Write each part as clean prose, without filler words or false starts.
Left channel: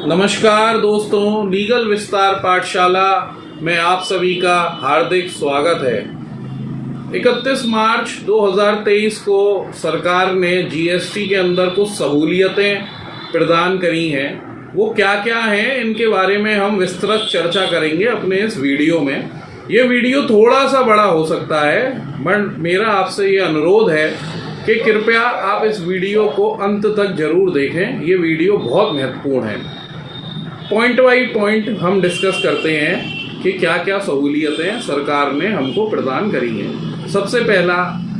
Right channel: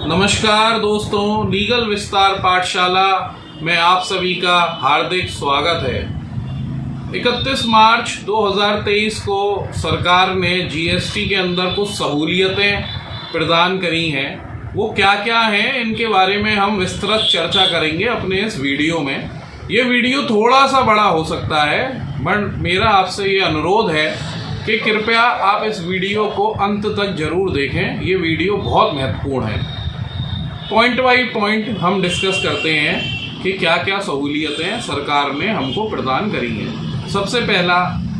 नमस्कार दोस्तों, लीगल विस्तार पाठशाला में आप सभी का हार्दिक स्वागत है। 31 मार्च 2023 को सरकार ने जीएसटी के अंदर कुछ सहूलियतें प्रदान करी हैं। वो क्या क्या हैं, इनके बारे में हम विस्तृत चर्चा करेंगे अपने इस वीडियो में। ये वीडियो थोड़ा सा बड़ा हो सकता है, बट मेरा आपसे ये अनुरोध है कि कृपया आप इस वीडियो को अंत तक जरूर देखें। ये वीडियो बहुत महत्वपूर्ण है। पॉइंट बाई पॉइंट हम डिस्कस करते हैं कि क्या क्या सहूलियतें सरकार ने हमको प्रदान करी हैं। सबसे पहला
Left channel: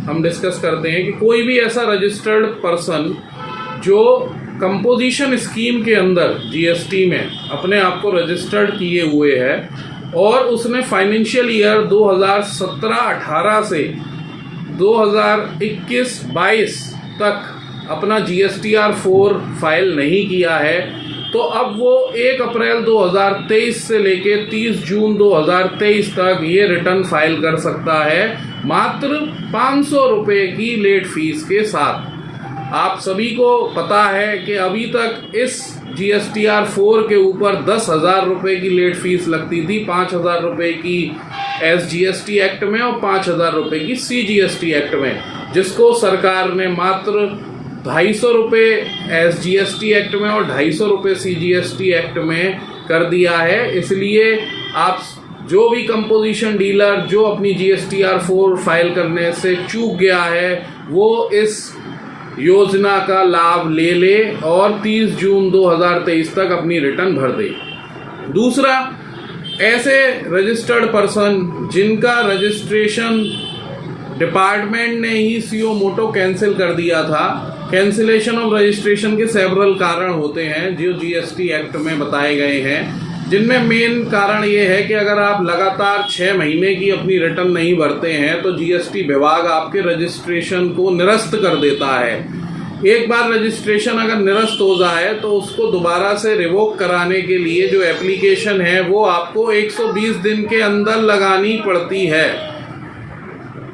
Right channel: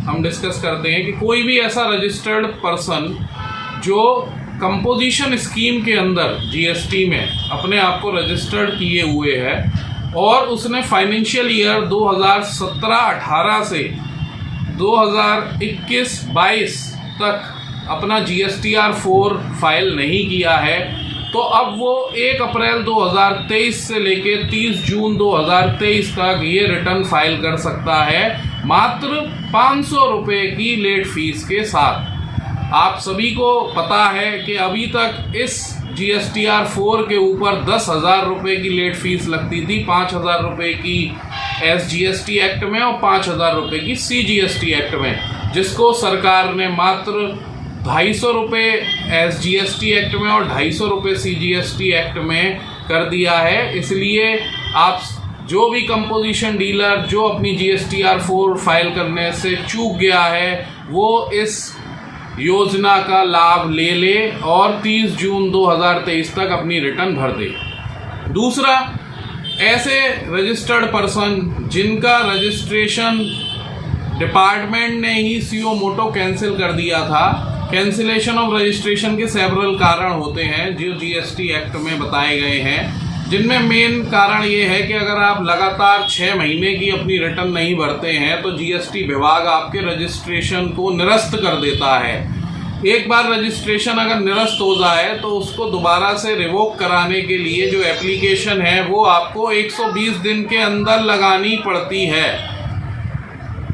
हम डिस्कस करते हैं कि कोई भी ऐसा रजिस्टर्ड पर्सन जो कंपोजिशन स्कीम के अंदर जीएसटी में अपने आप को रजिस्टर्ड किए हुए है और उसने फाइनेंशियल ईयर 2017-18 से 2021-22 तक अपना GSTR 4 फाइल नहीं किया है, तो अब वो 1 अप्रैल 2023 से लेके 30 जून 2023 तक ये रिटर्न फाइल कर सकता है, मात्र 500 रुपये की लेट फीस के साथ। आप सभी को पता है कि अभी तक इस GSTR 4 के ऊपर 10,000 रुपये की लेट फीस लगती थी, 5,000 रुपये की SGST एक्ट में और 5,000 रुपये की CGST एक्ट में, जिसको सरकार ने मात्र 250 रुपये SGST एक्ट में और 250 रुपये CGST एक्ट में कर दिया है। इसलिए आप जो भी कंपोजिशन डीलर जो अपनी GSTR 4 फाइल करने से चूक गया है, वो इस योजना का लाभ ले ले और 30 जून 2023 तक अपनी रिटर्न भर दे। दूसरा, ऐसे रजिस्टर्ड पर्सन जिनका रजिस्ट्रेशन डिपार्टमेंट ने ही सीओ मोटो कैंसिल कर दिया था। कैंसिलेशन ऑफ रजिस्ट्रेशन के सेवरल कारण होते हैं जो GST एक्ट में बताए गए हैं, जिनमें मेन कारण ये है कि अगर आप लगातार 6 महीने की अपनी रिटर्न नहीं भरते हैं तो GST विभाग आपके रजिस्ट्रेशन को निरस्त कर देता है। एक बार रजिस्ट्रेशन अगर निरस्त हो जाए तो उसको दोबारा से रिवोक कराने के लिए जो एप्लीकेशन है वो आपको 120 दिन के अंदर लगानी पड़ती है।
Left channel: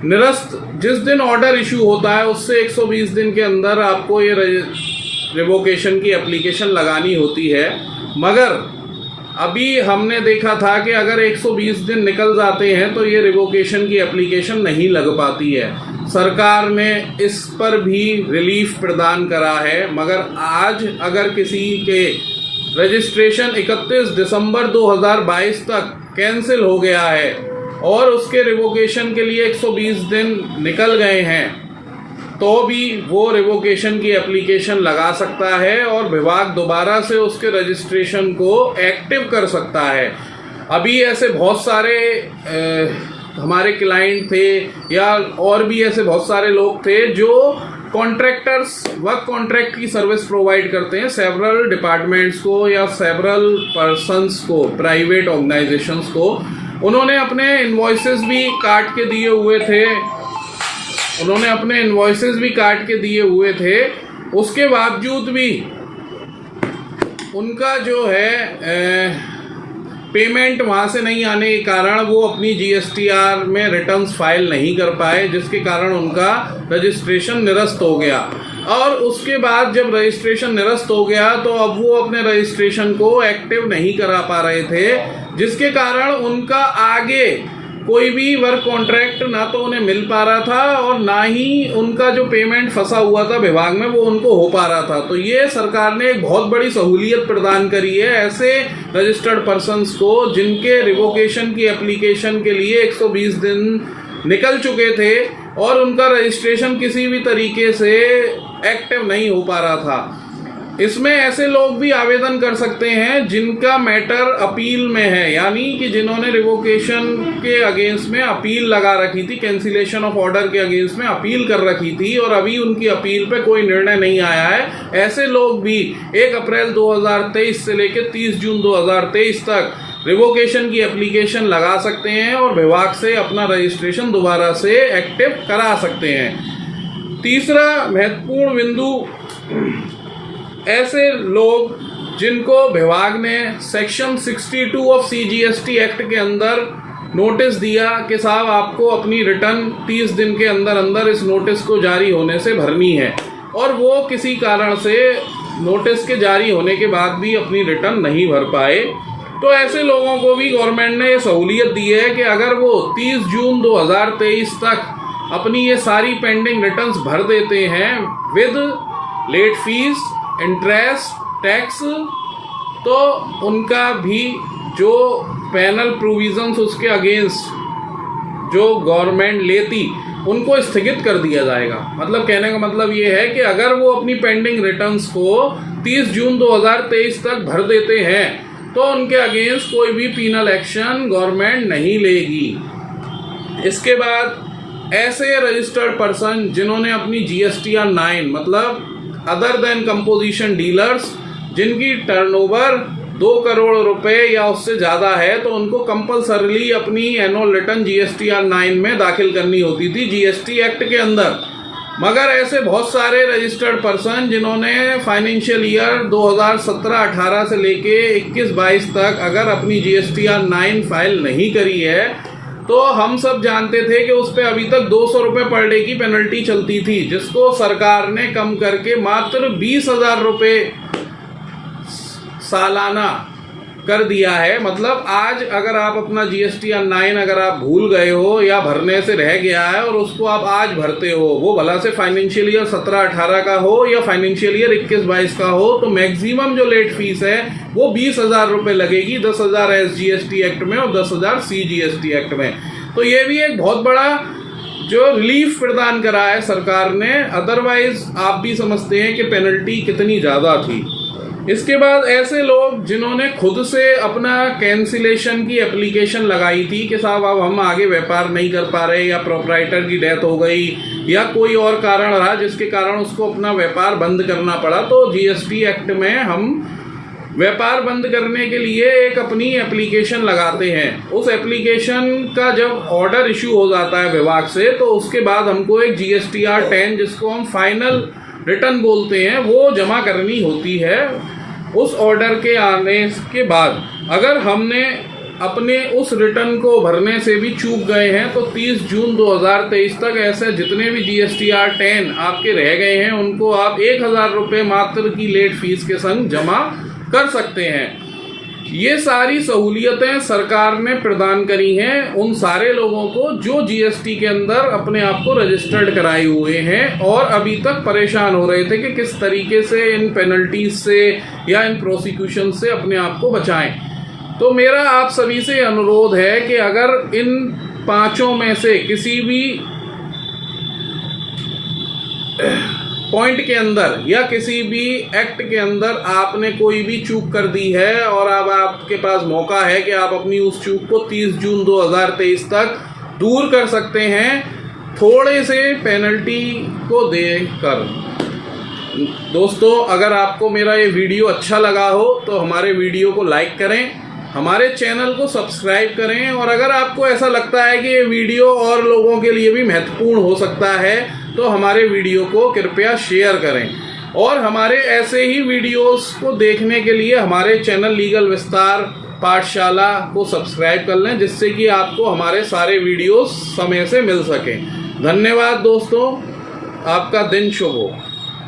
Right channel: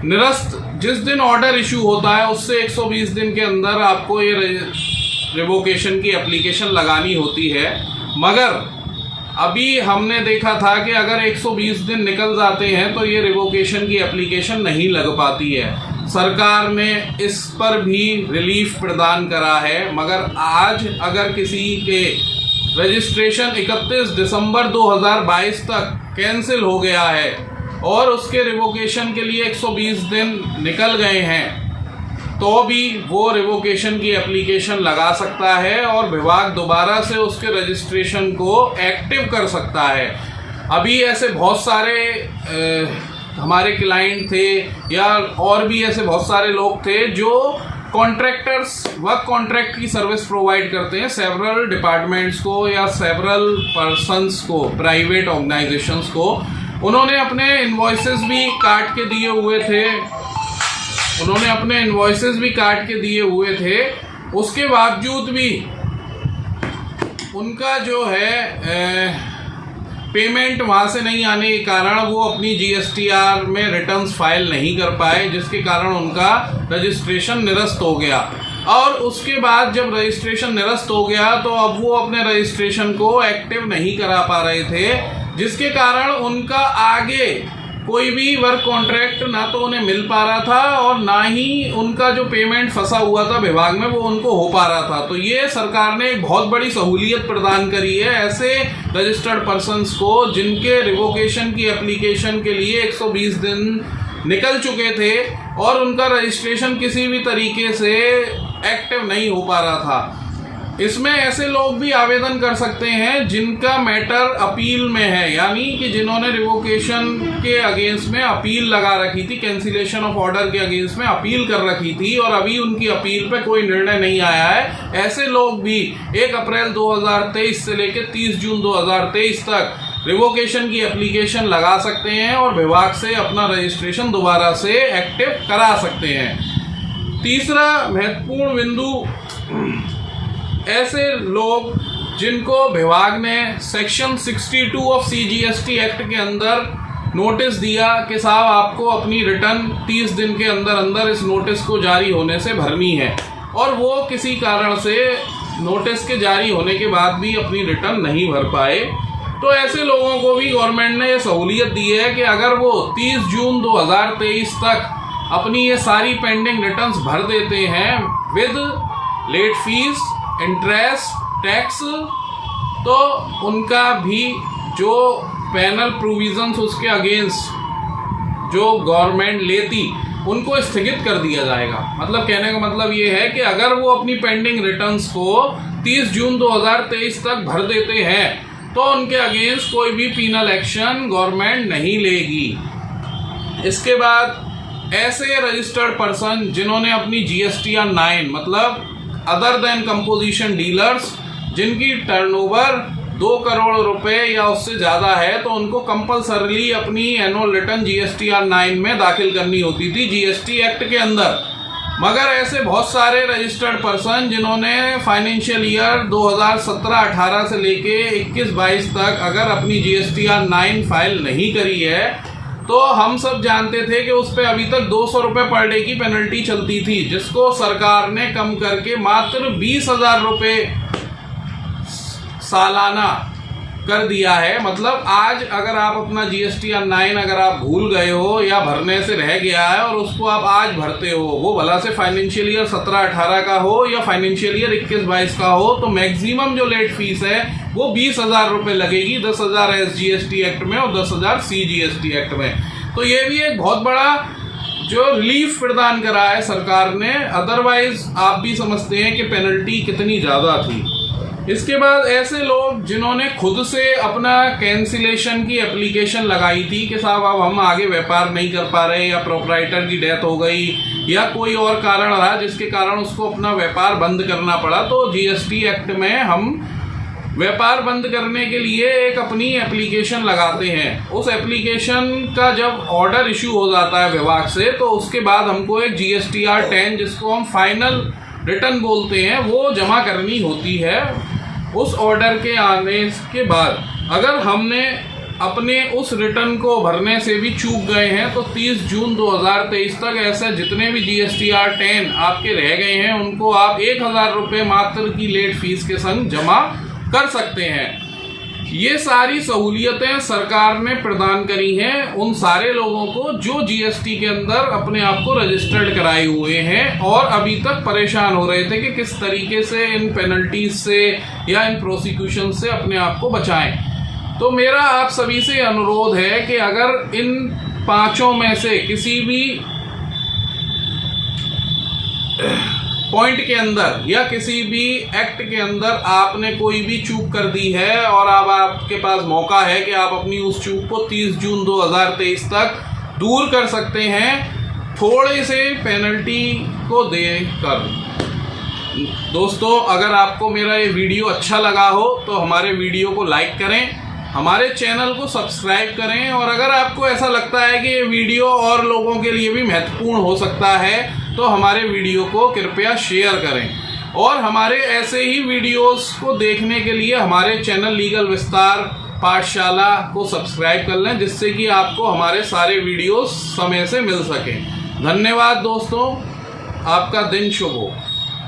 निरस्त जिस दिन ऑर्डर इशू होता है उससे 120 दिन के अंदर आपको ये रिवोकेशन की एप्लीकेशन लगानी होती है। मगर अभी हमने देखा था कि अगर 120 दिन निकल जाते हैं तो ये रिवोकेशन की एप्लीकेशन नहीं लग पाती है। सरकार ने इस पर भी रिलीफ प्रदान करा है। मगर आज अगर किसी के रजिस्ट्रेशन 31 दिसंबर 2022 तक कैंसिल हो गया है और उसके रिवोकेशन के लिए 120 दिन निकल गए हैं, तो भी वो रिवोकेशन की एप्लीकेशन लगा सकता है और विभाग दोबारा से उसके रजिस्ट्रेशन को एक्टिव कर सकता है। अभी ऐसे बहुत सारे हमारे क्लाइंट थे या और भी ऐसे बहुत सारे लोग थे जो कॉन्ट्रैक्टर्स वर्क कॉन्ट्रैक्ट की सर्विस प्रोवाइड करते हैं सेवरल डिपार्टमेंट्स को या सेवरल पर्सन्स को, प्राइवेट ऑर्गेनाइजेशंस को। उन्होंने अपने इनवॉइसेस भी काट के दिए हुए थे, उसके बावजूद भी उनका जो है पेमेंट वहाँ से नहीं आने के कारण वो अपनी GSTR में रिटर्न्स फाइल नहीं कर पाए, जिसके कारण उनका रजिस्ट्रेशन निरस्त हो गया। और उसके बाद जब रजिस्ट्रेशन निरस्त हो गया तो अब वो अपने रजिस्ट्रेशन को एक्टिव नहीं करा पा रहे थे, जिसके कारण उनका आगे कोई भी वर्क कॉन्ट्रैक्ट ना तो उन्हें मिल पा रहा था और ना ही उनका जो पेमेंट फंसा हुआ था विभाग में वो उनको हो पा रहा था। तो ये सरकार ने एक बहुत बड़ी सहूलियत प्रदान करी है ऐसे रजिस्टर्ड पर्सन्स को जिनके रिवोकेशन की एप्लीकेशन के लिए 120 दिन निकल चुके थे और उनका रजिस्ट्रेशन किसी भी तरीके से एक्टिव नहीं हो पा रहा था। इसमें ऐसे लोग भी आवेदन कर सकते हैं जिनका मैटर अपील में है, यानी कि जिन्होंने रिवोकेशन के अगेंस्ट में अपील लगा रखी थी, कैंसिलेशन ऑफ ऑर्डर के अगेंस्ट में अपील कर रखी थी और अभी उनकी अपील पे कोई निर्णय नहीं आया है। ऐसे लोग भी 1 अप्रैल 2023 से लेकर 30 जून 2023 तक रिवोकेशन की एप्लीकेशन लगा सकते हैं और विभाग से अपना रजिस्ट्रेशन दोबारा से एक्टिव करा सकते हैं। तीसरा महत्वपूर्ण बिंदु, ऐसे लोग जिनको विभाग ने सेक्शन 62 ऑफ CGST एक्ट के अंदर नोटिस दिया कि साहब आपको अपनी रिटर्न 30 दिन के अंदर अंदर इस नोटिस को जारी होने से भरनी है, और वो किसी कारण से नोटिस के जारी होने के बाद भी अपनी रिटर्न नहीं भर पाए, तो ऐसे लोगों को भी गवर्नमेंट ने ये सहूलियत दी है कि अगर वो 30 जून 2023 तक अपनी ये सारी पेंडिंग रिटर्न्स भर देते हैं with late fees, interest, tax, तो उनका भी जो पैनल प्रोविजंस उसके अगेंस्ट जो गवर्नमेंट लेती उनको स्थगित कर दिया जाएगा। मतलब कहने का मतलब ये है कि अगर वो अपनी पेंडिंग रिटर्न्स को 30 जून 2023 तक भर देते हैं तो उनके अगेंस्ट कोई भी पीनल एक्शन गवर्नमेंट नहीं लेगी। इसके बाद ऐसे रजिस्टर्ड पर्सन जिन्होंने अपनी GSTR 9 मतलब अदर देन कंपोजिशन डीलर्स जिनकी टर्नओवर 2 करोड़ रुपए या उससे ज़्यादा है, तो उनको कंपलसरीली अपनी एनुअल रिटर्न GSTR 9 में दाखिल करनी होती थी GST एक्ट के अंदर। मगर ऐसे बहुत सारे रजिस्टर्ड पर्सन जिन्होंने फाइनेंशियल ईयर 2017-18 से लेके 21-22 तक अगर अपनी GSTR 9 फाइल नहीं करी है, तो हम सब जानते थे कि उस पर अभी तक 200 रुपये पर डे की पेनल्टी चलती थी, जिसको सरकार ने कम करके मात्र 20,000 रुपये सालाना कर दिया है। मतलब आज अगर आप अपना GSTR 9 अगर आप भूल गए हो या भरने से रह गया है और उसको आप आज भरते हो, वो भला से फाइनेंशियल ईयर 17-18 का हो या फाइनेंशियल ईयर 21-22 का हो, तो मैक्सिमम जो लेट फीस है वो 20,000 रुपये लगेगी, 10,000 SGST एक्ट में और 10,000 CGST एक्ट में। तो ये भी एक बहुत बड़ा जो रिलीफ प्रदान करा है सरकार ने, अदरवाइज आप भी समझते हैं कि पेनल्टी कितनी ज़्यादा थी। इसके बाद ऐसे लोग जिन्होंने खुद से अपना कैंसिलेशन की एप्लीकेशन लगाई थी कि साहब अब हम आगे व्यापार नहीं कर पा रहे, या प्रोपराइटर की डेथ हो गई या कोई और कारण रहा जिसके कारण उसको अपना व्यापार बंद करना पड़ा, तो GST एक्ट में हम व्यापार बंद करने के लिए एक अपनी एप्लीकेशन लगाते हैं। उस एप्लीकेशन का जब ऑर्डर इशू हो जाता है विभाग से, तो उसके बाद हमको एक GSTR 10 जिसको हम फाइनल रिटर्न बोलते हैं वो जमा करनी होती है। उस ऑर्डर के आने के बाद अगर हमने अपने उस रिटर्न को भरने से भी चूक गए हैं, तो 30 जून 2023 तक ऐसे जितने भी GSTR 10 आपके रह गए हैं उनको आप 1,000 रुपये मात्र की लेट फीस के संग जमा कर सकते हैं। ये सारी सहूलियतें सरकार ने प्रदान करी हैं उन सारे लोगों को जो GST के अंदर अपने आप को रजिस्टर्ड कराए हुए हैं और अभी तक परेशान हो रहे थे कि किस तरीके से इन पेनल्टीज से या इन प्रोसिक्यूशन से अपने आप को बचाएं। तो मेरा आप सभी से अनुरोध है कि अगर इन 5 में से किसी भी पॉइंट के अंदर या किसी भी एक्ट के अंदर आपने कोई भी चूक कर दी है और अब आपके पास मौका है कि आप अपनी उस चूक को 30 जून 2023 तक दूर कर सकते हैं थोड़े से पेनल्टी को देकर। दोस्तों, अगर आपको मेरा ये वीडियो अच्छा लगा हो तो हमारे वीडियो को लाइक करें, हमारे चैनल को सब्सक्राइब करें, और अगर आपको ऐसा लगता है कि ये वीडियो और लोगों के लिए भी महत्वपूर्ण हो सकता है तो हमारे वीडियो को कृपया शेयर करें। और हमारे ऐसे ही वीडियोस को देखने के लिए हमारे चैनल लीगल विस्तार पाठशाला को सब्सक्राइब कर लें, जिससे कि आपको हमारे सारे वीडियोस समय से मिल सकें। धन्यवाद दोस्तों, आपका दिन शुभ हो।